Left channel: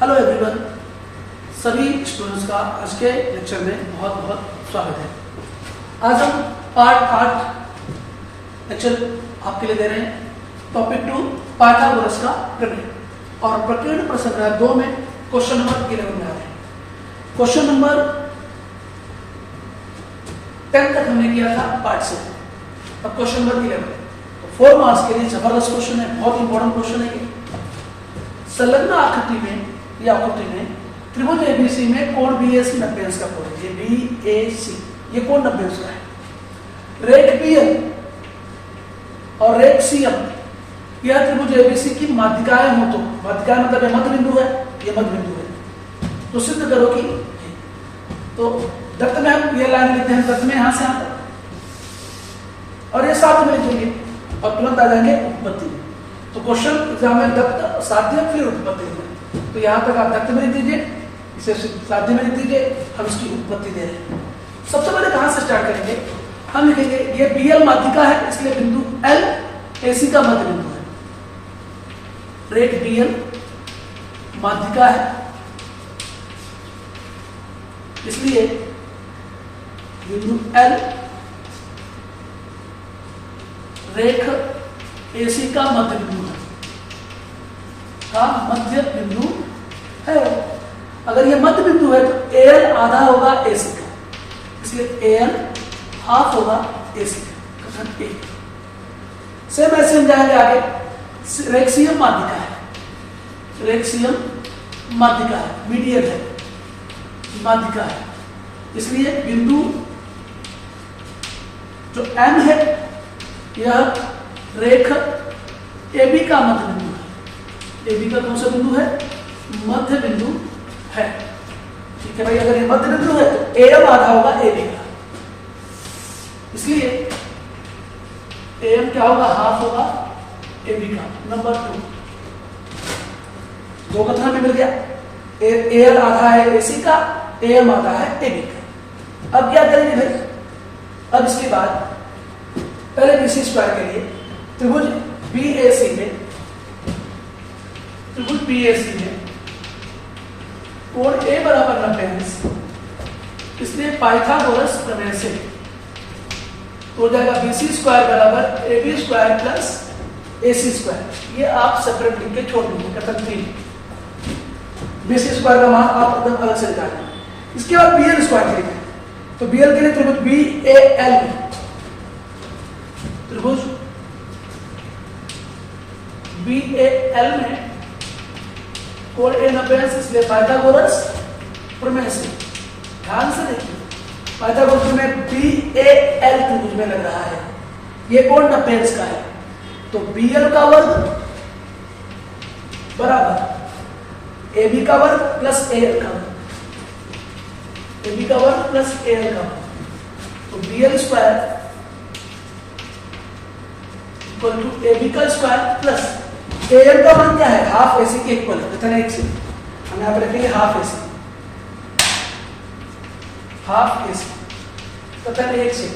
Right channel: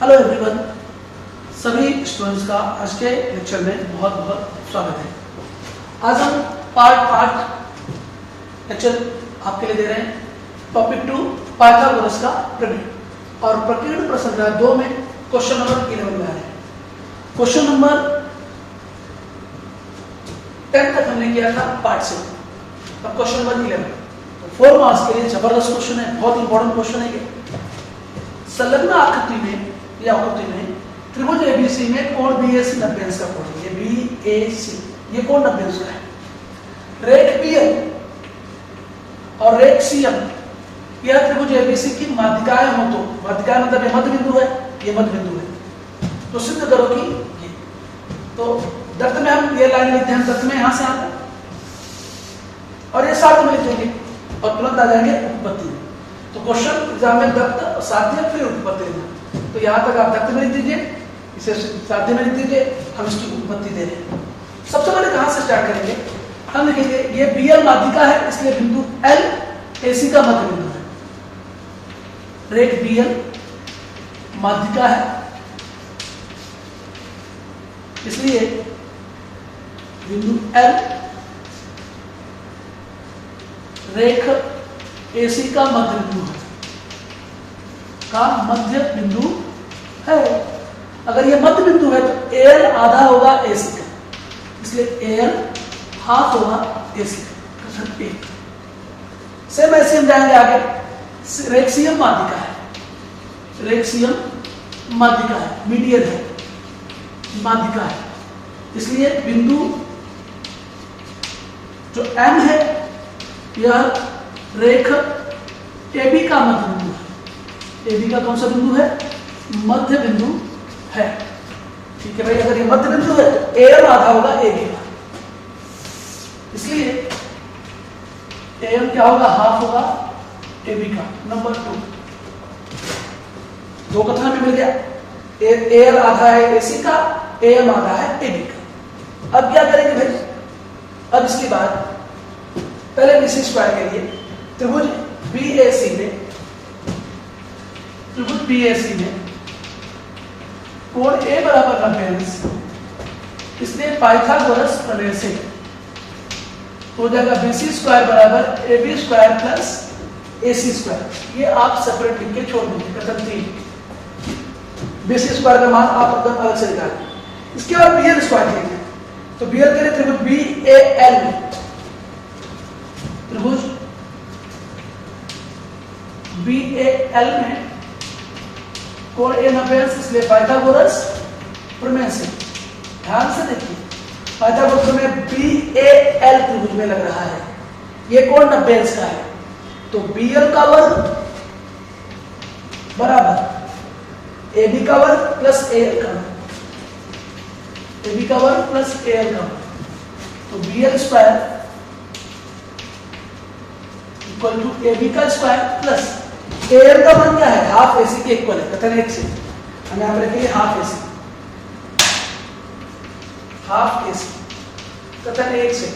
Hello everyone, सभी students का आज के लेक्चर में बहुत बहुत स्वागत है। आज हम पार्ट लेक्चर आपके लिए दे रहे हैं। टॉपिक 2 पाइथागोरस का प्रमेय और प्रकीर्ण प्रश्न संख्या 2 में क्वेश्चन नंबर 11 में आ रहे हैं। क्वेश्चन नंबर 10 तक हमने किया था पार्ट से, अब क्वेश्चन नंबर 11 4 मार्क्स के लिए जबरदस्त क्वेश्चन है, बहुत इंपॉर्टेंट क्वेश्चन है ये। संलग्न आकृति में या आकृति में त्रिभुज एबीसी में कोण बीएसी 90 अंश का कोण है। ये बीएसी ये कोण 90 अंश का है। रेख बीएल और रेख सीएम यह त्रिभुज एबीसी की माध्यिकाएं हो, तो माध्यिकाएं मतलब ये मध्य बिंदु है, ये मध्य बिंदु है, तो सिद्ध करो कि ये। तो दत्त में हम ये लाइन लिखते हैं, दत्त में यहां से यहां तक और ये साथ में लिखेंगे और तुरंत आ जाएंगे उत्पत्ति में। तो क्वेश्चन एग्जाम में दत्त साध्य फिर उत्पत्ति में, तो यहां तक आप दत्त में लिख दीजिए, इसे साध्य में लिख दीजिए, हम इसकी उत्पत्ति दे रहे हैं। सबसे पहले कहां से स्टार्ट करेंगे, हम लिखेंगे ये बीएल माध्यिका है, इसलिए बिंदु एल एसी का मध्य बिंदु है। रेख बीएल माध्यिका है, इसलिए बिंदु एल रेख एसी का मध्य बिंदु है, है। अगर ये मध्य बिंदु है तो एल आधा होगा एसी का, इसलिए एल हाफ होगा एसी का, कथन ए। सेम ऐसे हम जाएंगे आगे। रेख सीएम माध्यिका है, रेख सीएम माध्यिका है, मीडियन है, माध्यिका है, इसलिए बिंदु जो एम है यह रेख AB का मध्य बिंदु है। AB का कौन सा बिंदु है? मध्य बिंदु है। ठीक है भाई, अगर ये मध्य बिंदु है तो AM आधा होगा AB का, इसलिए AM क्या होगा? हाफ होगा AB का। नंबर 2 दो कथन में मिल गया, AL आधा है AC का, AM आधा है AB का। अब क्या करेंगे भाई? अब इसके बाद पहले BC स्क्वायर के लिए त्रिभुज BAC में कोण A बराबर 90 अंश, इसलिए पाइथागोरस प्रमेय से हो जाएगा BC स्क्वायर बराबर AB square plus AC square. ये आप सेपरेट लिख के छोड़ दीजिए, कथन 3। BC स्क्वायर का मान आप एकदम अलग से निकालें। इसके बाद BL स्क्वायर के लिए, तो BL के लिए त्रिभुज BAL में त्रिभुज BAL में कोण A 90 अंश, इसलिए पाइथागोरस प्रमेय से, ध्यान से देखिए, पाइथागोरस प्रमेय BAL त्रिभुज में लग रहा है, ये कोण 90 अंश का है, तो BL का वर्ग बराबर AB का वर्ग प्लस AL का वर्ग, AB का वर्ग प्लस AL का वर्ग, तो BL square equal to AB का स्क्वायर प्लस AL का मान क्या है? हाफ AC के इक्वल है, कथन 1 से हम यहां पर रखेंगे हाफ AC, हाफ AC कथन 1 से,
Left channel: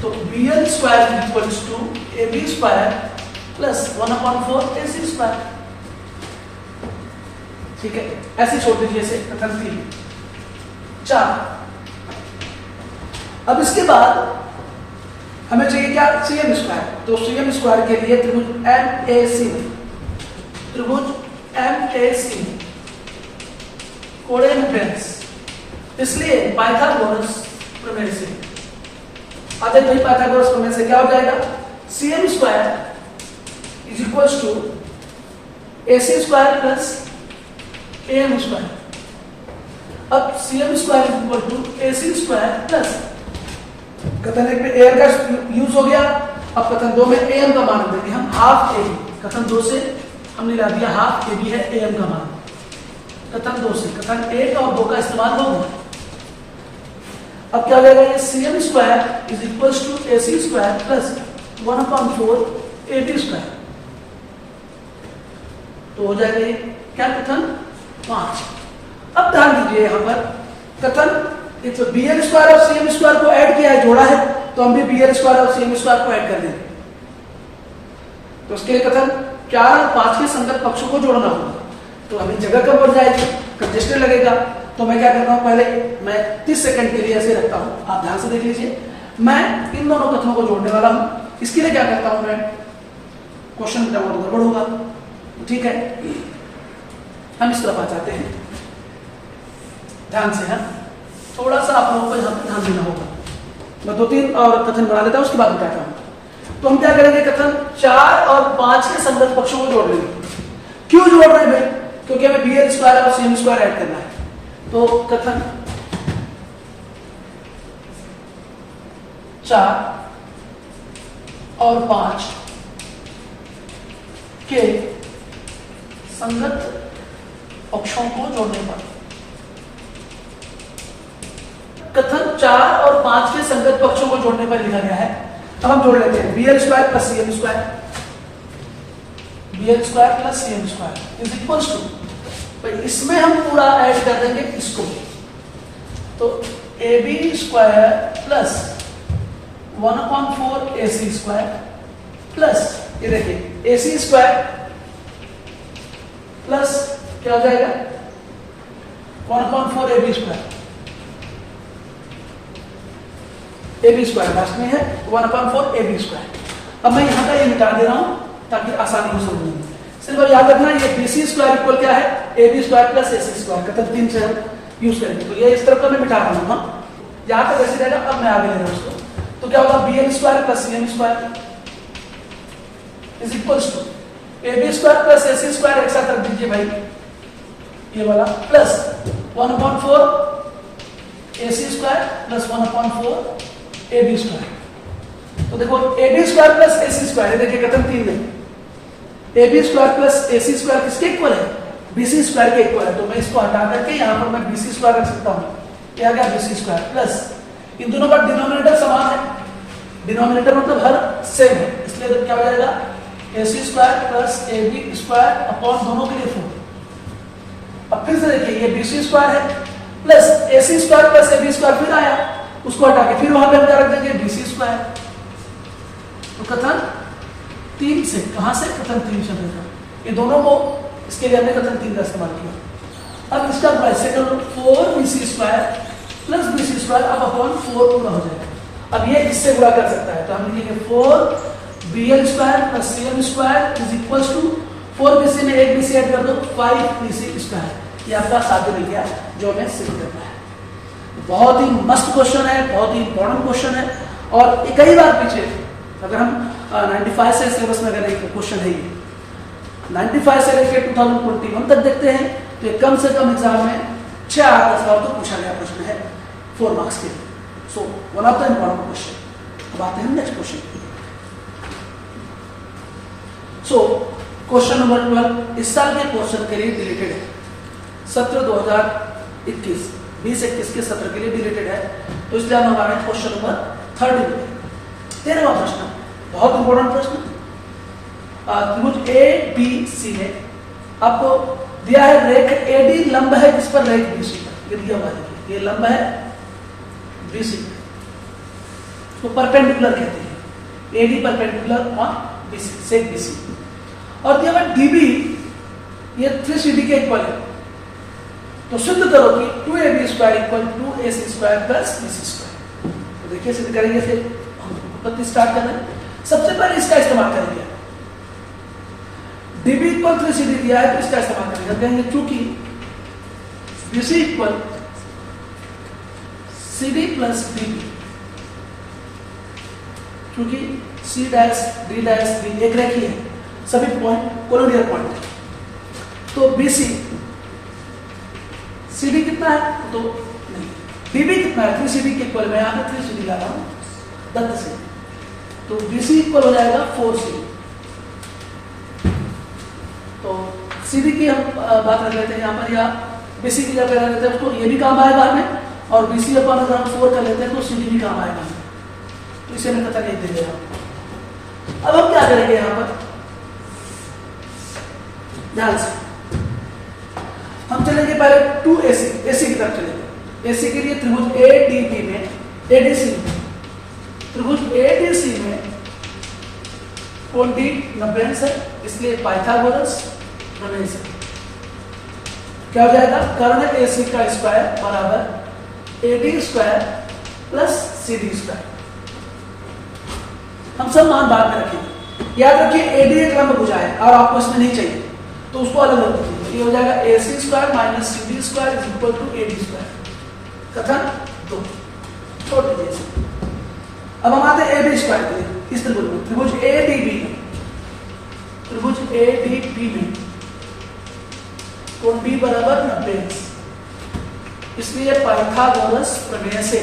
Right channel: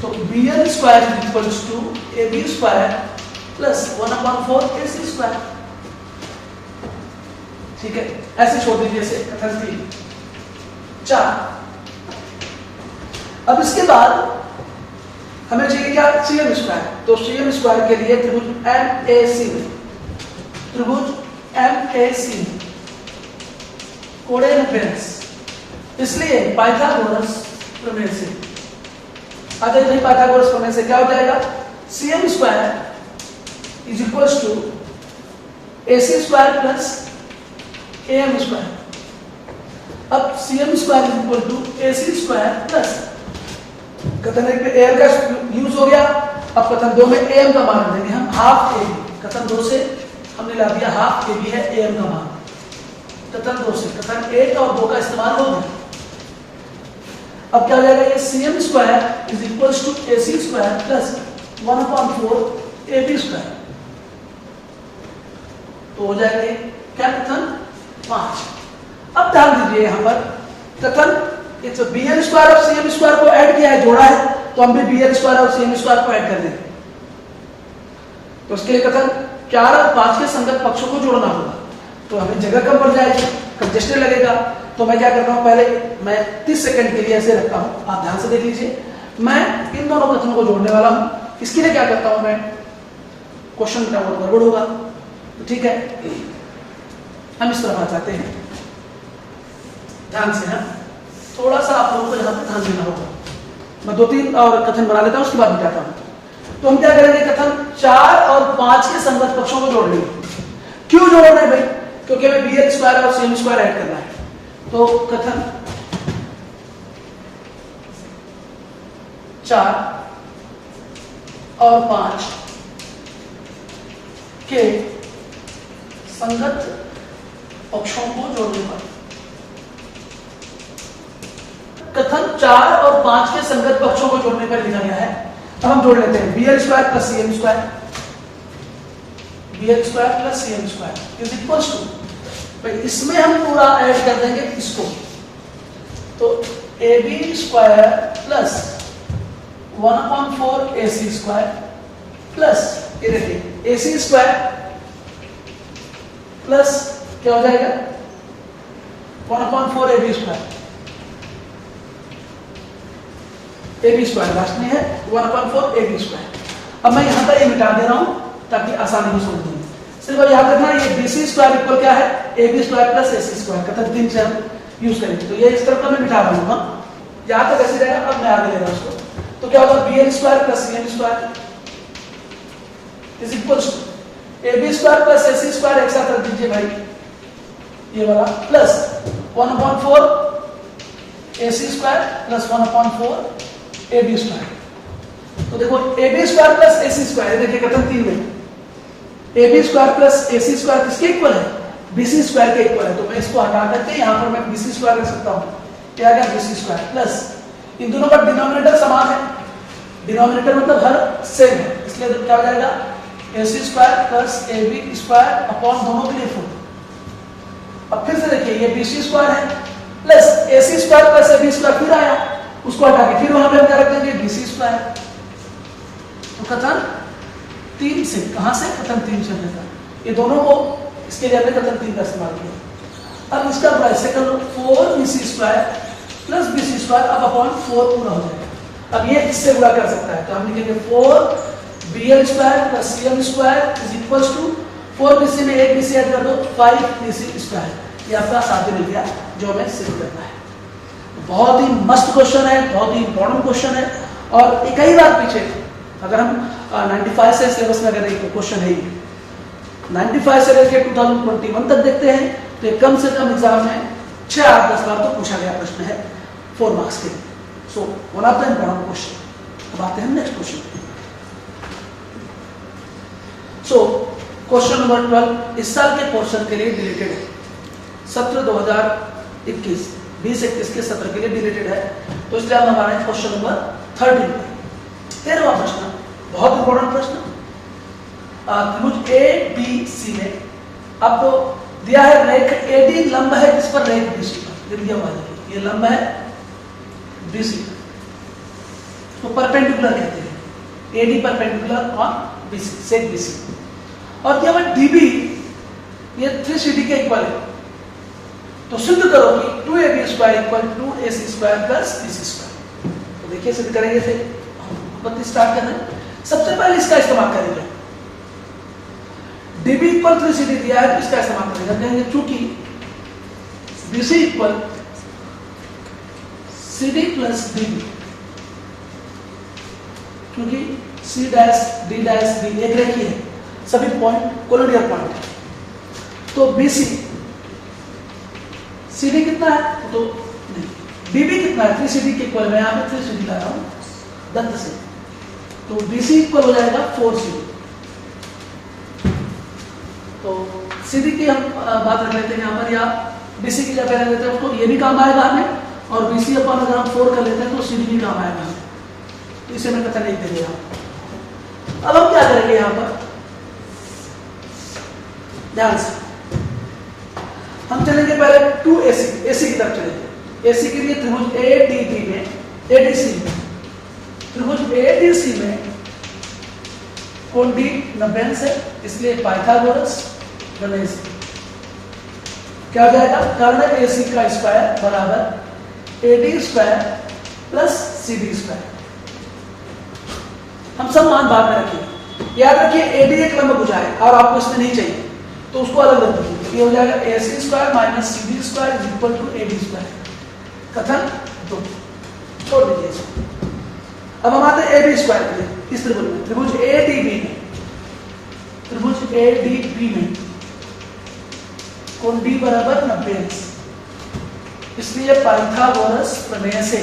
तो BL square equals to AB square plus 1/4 AC square. ठीक है, ऐसे छोड़ दीजिए इसे, कथन 3। 4 अब इसके बाद हमें चाहिए क्या? CM square. तो CM स्क्वायर के लिए त्रिभुज MAC में कोण 90 अंश, इसलिए पाइथागोरस प्रमेय से आ जाएगा। पाइथागोरस प्रमेय से क्या हो जाएगा? CM square is equals to AC square plus AM square. अब CM square is equal to AC square plus, कथन 1 में AM का यूज हो गया, अब कथन 2 में AM का मान देंगे हम हाफ AB। कथन 2 से हमने ला दिया हाफ AB है AM का मान, कथन 2 से कथन 1 और 2 का इस्तेमाल हो गया। अब क्या हो जाएगा? ये CM square is equals to AC square plus 1/4 AB square, तो हो जाएगा ये क्या? कथन 5। अब ध्यान दीजिए यहां पर कथन तो BL स्क्वायर और CM स्क्वायर को ऐड किया है, जोड़ा है, तो हम भी BL स्क्वायर और CM स्क्वायर को ऐड कर देंगे। तो उसके लिए कथन 4 और 5 के संगत पक्षों को जोड़ना होगा, तो हमें जगह कम पड़ जाएगी, कंजेस्टेड लगेगा। तो मैं क्या करता हूँ, पहले मैं 30 सेकंड के लिए ऐसे रखता हूँ, आप ध्यान से देख लीजिए। मैं इन दोनों कथनों को जोड़ने वाला हूँ। इसके लिए क्या करता हूँ मैं, क्वेश्चन गड़बड़ होगा, ठीक है। हम इस तरफ आ जाते हैं, ध्यान से है, थोड़ा सा आप लोगों को यहाँ पे ध्यान देना होगा। मैं 2-3 और कथन बना लेता हूँ, उसके बाद बताता हूँ। तो हम क्या करेंगे, कथन 4 और 5 के संगत पक्षों को जोड़ लेंगे। क्यों जोड़ रहे हैं भाई, क्योंकि हमें BL स्क्वायर और CM स्क्वायर ऐड करना है। तो कथन 4 और 5 के संगत पक्षों को जोड़ने पर, कथन 4 और 5 के संगत पक्षों को जोड़ने पर लिखा गया है। तो हम जोड़ लेते हैं BL square plus CM square, BL square plus CM square is equals to, भाई इसमें हम पूरा ऐड कर देंगे इसको, तो AB square plus 1/4 AC square plus, ये देखिए AC स्क्वायर प्लस क्या हो जाएगा 1/4 AB square, AB square last में है 1/4 AB स्क्वायर। अब मैं यहां तक ये मिटा दे रहा हूं ताकि आसानी हो समझने में। सिर्फ अब याद रखना ये BC स्क्वायर इक्वल क्या है, AB square plus AC square, कथन 3 से हम यूज करेंगे। तो ये इस तरफ को मैं मिटा दूंगा, यहां तक ऐसे रहेगा। अब मैं आगे ले रहा हूं उसको, तो क्या होगा BL square plus CM square is equals to AB square plus AC square, एक साथ रख दीजिए भाई ये वाला, plus 1/4 AC square plus 1/4 AB square. तो देखो AB square plus AC square, देखिए कथन 3 में AB square plus AC square किसके इक्वल है, BC स्क्वायर के इक्वल है। तो मैं इसको हटा करके यहां पर मैं BC स्क्वायर रख सकता हूं, क्या आ गया BC स्क्वायर प्लस, इन दोनों का डिनोमिनेटर समान है, डिनोमिनेटर मतलब हर सेम है, इसलिए तो क्या हो जाएगा AC square plus AB square upon दोनों के लिए 4। अब फिर से देखिए ये BC स्क्वायर है plus AC square plus AB square, फिर आया, उसको हटा के फिर वहां पे हम क्या रख देंगे BC स्क्वायर। तो कथन 3 से, कहां से, कथन 3 से मिलता, ये दोनों को, इसके लिए हमने कथन 3 का इस्तेमाल किया। अब इसका ऐसे कर लो 4BC square plus BC square अब अपॉन 4 पूरा हो जाएगा। अब ये इससे गुणा कर सकता है, तो हम लिखेंगे 4BL square plus CM square is equals to 4BC में 1BC ऐड कर दो 5BC स्क्वायर। ये आपका साध्य मिल गया जो हमें सिद्ध करना है। बहुत ही मस्त क्वेश्चन है, बहुत ही इंपॉर्टेंट क्वेश्चन है, और कई बार पीछे अगर हम 95 से सिलेबस में अगर एक क्वेश्चन है ये 95 से लेकर 2021 तक देखते हैं, तो ये कम से कम एग्जाम में 6-8-10 बार तो पूछा गया प्रश्न है 4 मार्क्स के। So one of the important question. अब आते हैं next question. So question number 12 इस साल के पोर्शन के लिए डिलीटेड है, सत्र 2021 20-21 के सत्र के लिए डिलीटेड है, तो इसलिए हम हमारा क्वेश्चन नंबर 13वां प्रश्न, बहुत इंपॉर्टेंट प्रश्न। त्रिभुज ADC में आपको दिया है रेख AD लंब है जिस पर रेख BC ये दिया हुआ है, ये लंब है BC तो परपेंडिकुलर कहते हैं, AD परपेंडिकुलर और BC सेक BC, और दिया हुआ DB ये 3CD के इक्वल है। तो सिद्ध करो कि 2AB square equal 2AC square plus BC square. तो देखिए सिद्ध करेंगे, फिर बत्ती स्टार्ट कर रहे हैं। सबसे पहले इसका इस्तेमाल करेंगे, DB इक्वल 3CD दिया है तो इसका इस्तेमाल करेंगे, कहेंगे चूंकि BC equal CD plus DB, क्योंकि C dash D dash B एक रेखी है, सभी पॉइंट कोलिनियर पॉइंट है, तो BC CD कितना है तो नहीं, DB कितना है 3CD के इक्वल, मैं यहां पे 3CD ला रहा हूं दंत से, तो BC इक्वल हो जाएगा 4CD। तो CD की हम बात कर लेते हैं यहाँ पर, या BC की जगह ले लेते हैं उसको, ये भी काम आएगा हमें, और BC अपन अगर हम 4 कर लेते हैं तो CD भी काम आएगा हमें, तो इसे मैं कथन नहीं दे देगा। अब हम क्या करेंगे यहाँ पर, ध्यान से हम चलेंगे पहले 2AC की तरफ चलेंगे। AC के लिए त्रिभुज ADB में, ADC में, त्रिभुज ADC में कोण डी 90 अंश है, इसलिए पाइथागोरस प्रमेय से क्या हो जाएगा, कर्ण AC का स्क्वायर बराबर AD square plus CD square. हम सब मान बाद में रखेंगे। याद रखिए AD एक लंब भुजा है और आपको इसमें नहीं चाहिए तो उसको अलग रख दीजिए। ये हो जाएगा AC square minus CD square is equal to AD square. कथन 2 छोड़ दीजिए इसको। अब हम आते हैं AB स्क्वायर के लिए। इस त्रिभुज में, त्रिभुज ADB में कोण D बराबर 90 अंश, इसलिए पाइथागोरस प्रमेय से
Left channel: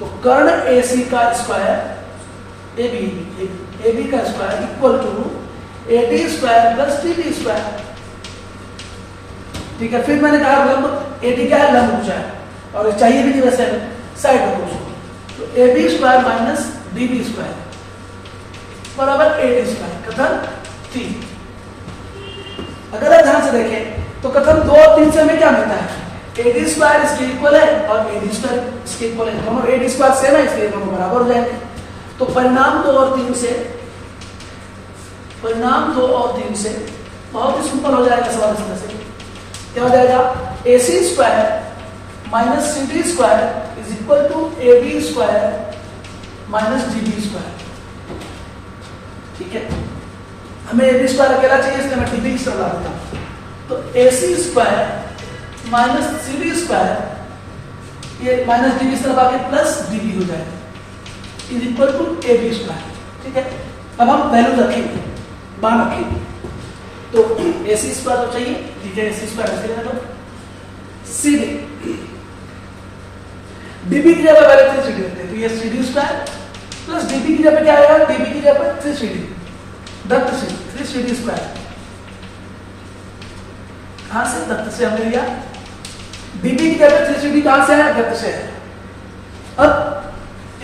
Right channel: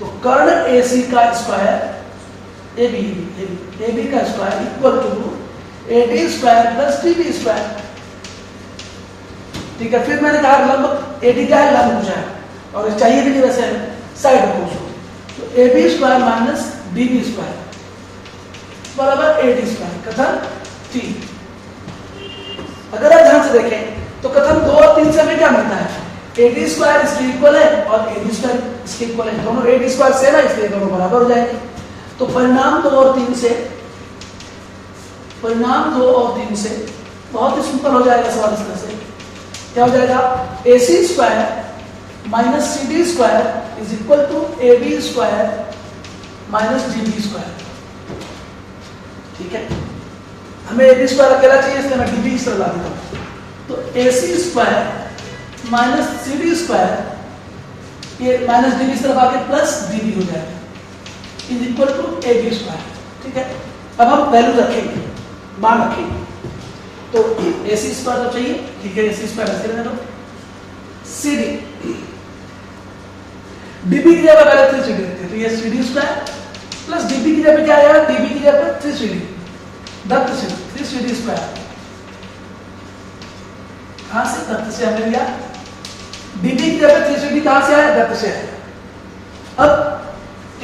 तो कर्ण AC का स्क्वायर AB का square equal to AD square plus DB square. ठीक है, फिर मैंने कहा लंब AD क्या है, लंब भुजा है और चाहिए भी नहीं वैसे साइड रखो उसको, तो AB square minus DB square बराबर AD स्क्वायर। कथन 3। अगर आप ध्यान से देखें तो कथन 2 और 3 से हमें क्या मिलता है, AD स्क्वायर इसके इक्वल है और AD स्क्वायर इसके इक्वल है, दोनों AD स्क्वायर सेम है इसलिए दोनों बराबर हो जाएंगे। तो परिणाम 2 और 3 से बहुत ही सिंपल हो जाएगा सवाल इस तरह से। क्या हो जाएगा, AC square minus CD square is equal to AB square minus DB square. ठीक है, हमें AB स्क्वायर अकेला चाहिए इसलिए मैं DB इस तरह ला देता हूं। तो AC square minus CD square, ये माइनस DB इस तरफ आके प्लस DB हो जाएगा is equal to AB square. ठीक है, अब हम वैल्यू रखेंगे, मान रखेंगे। तो AC स्क्वायर तो चाहिए, ठीक है, AC स्क्वायर ऐसे रहने दो। CD DB की जगह पहले 3CD रखते हैं, तो ये CD स्क्वायर प्लस DB की जगह क्या आएगा, DB की जगह 3CD, दत्त से 3CD स्क्वायर। कहां से, दत्त से हमने लिया। DB की जगह 3CD कहां से आया, दत्त से आया। अब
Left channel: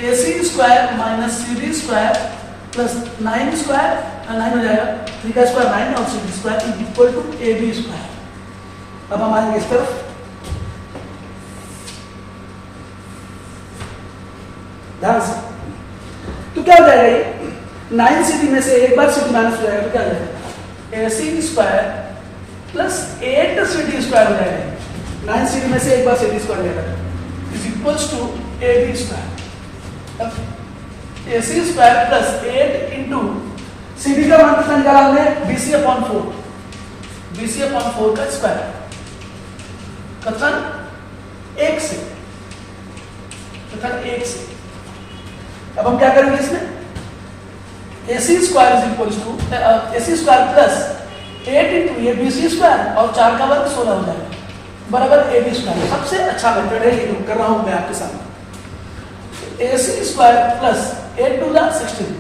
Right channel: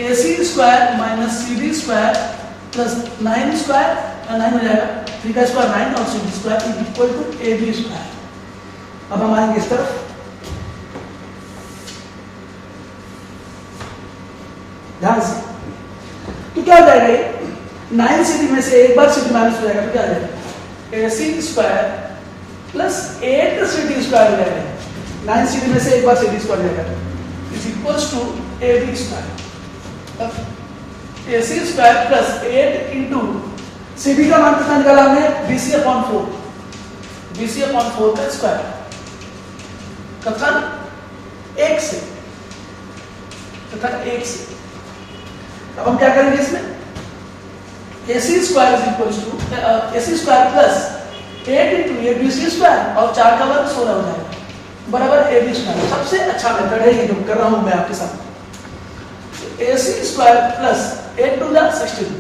AC square minus CD square plus 9 square, 9 हो जाएगा, 3 का स्क्वायर 9 और CD square is equal to AB square. अब हम आएंगे इस तरफ, ध्यान से, तो क्या हो जाएगा, ये 9CD में से एक बार CD माइनस हो जाएगा तो क्या हो जाएगा, AC square plus 8CD square हो जाएगा। 9CD में से एक बार CD स्क्वायर जाएगा is equals to AB square. AC square plus 8 into CD का मान कितना निकाला हमने, BC/4, BC/4 का स्क्वायर। कथन 1 से, कथन 1 से। अब हम क्या करेंगे इसमें, AC square is equal to AC square plus 8 into ये BC स्क्वायर और 4 का वर्ग 16 हो जाएगा बराबर AB स्क्वायर। सबसे अच्छा मेथड है ये जो कर रहा हूं मैं आपके साथ। AC स्क्वायर प्लस 8 टू 16,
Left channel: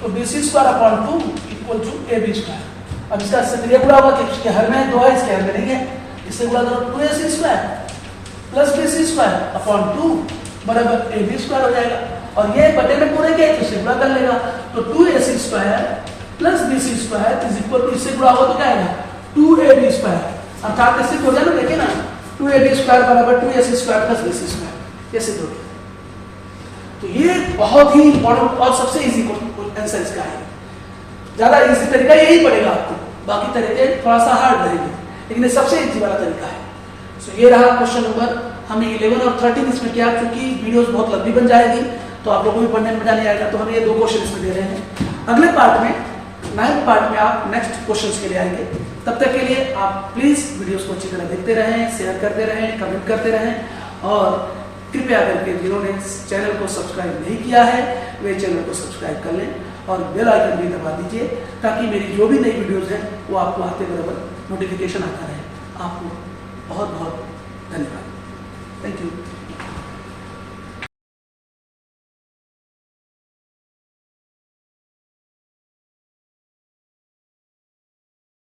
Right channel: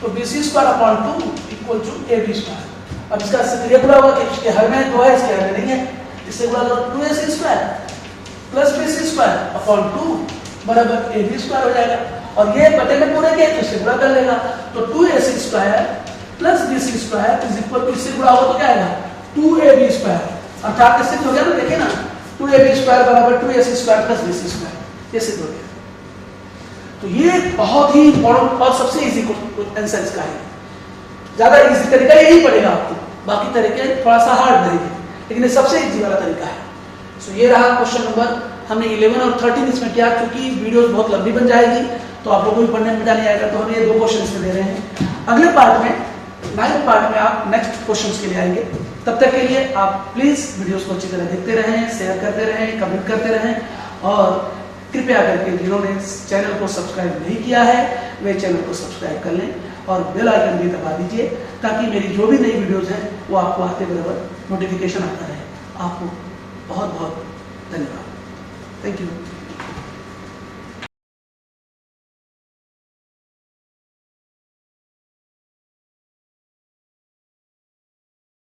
तो BC square upon 2 equal to AB square. अब इसका सक्रिय गुणा होगा कि इसके हर में 2 है, इसके हर में नहीं है, इससे गुणा करो 2AC square plus BC square upon 2 बराबर AB स्क्वायर हो जाएगा। और ये बटे में पूरे के तो इससे गुणा कर लेगा, तो 2AC square plus BC square is equal to, इससे गुणा हो तो क्या आएगा 2AB स्क्वायर। अर्थात सिद्ध हो गया ना, देखिए ना, 2AB स्क्वायर बराबर 2AC square plus BC square, ये सिद्ध हो गया। तो ये बहुत ही इंपॉर्टेंट और सबसे इजी आंसर इसका है। ज्यादा इजी तरीका यही पड़ेगा आपको, बाकी तरीके थोड़ा सा हार्ड रहेंगे, लेकिन ये सबसे इजी वाला तरीका है। सो ये रहा क्वेश्चन नंबर, हमने 11 और 13 इसमें किया। क्योंकि वीडियोस बहुत लंबी बन जाएगी तो आप लोगों को भी पढ़ने में मजा नहीं आएगा, तो हम ये 2 क्वेश्चन इसमें दे रहे हैं। अगले पार्ट में, 9th पार्ट में आप नेक्स्ट क्वेश्चंस के लिए आएंगे। तब तक के लिए आप प्लीज वीडियोस को अच्छी तरह देखते रहें, शेयर करते रहें, कमेंट करते रहें और कृपया करके जिन्होंने चैनल को सब्सक्राइब नहीं किया है वे चैनल को सब्सक्राइब कर लें और बेल आइकन भी दबा दीजिए ताकि मेरी जो भी नई वीडियोस हैं वो आपको आते बराबर नोटिफिकेशन आता रहे। आपको बहुत बहुत धन्यवाद। Thank you.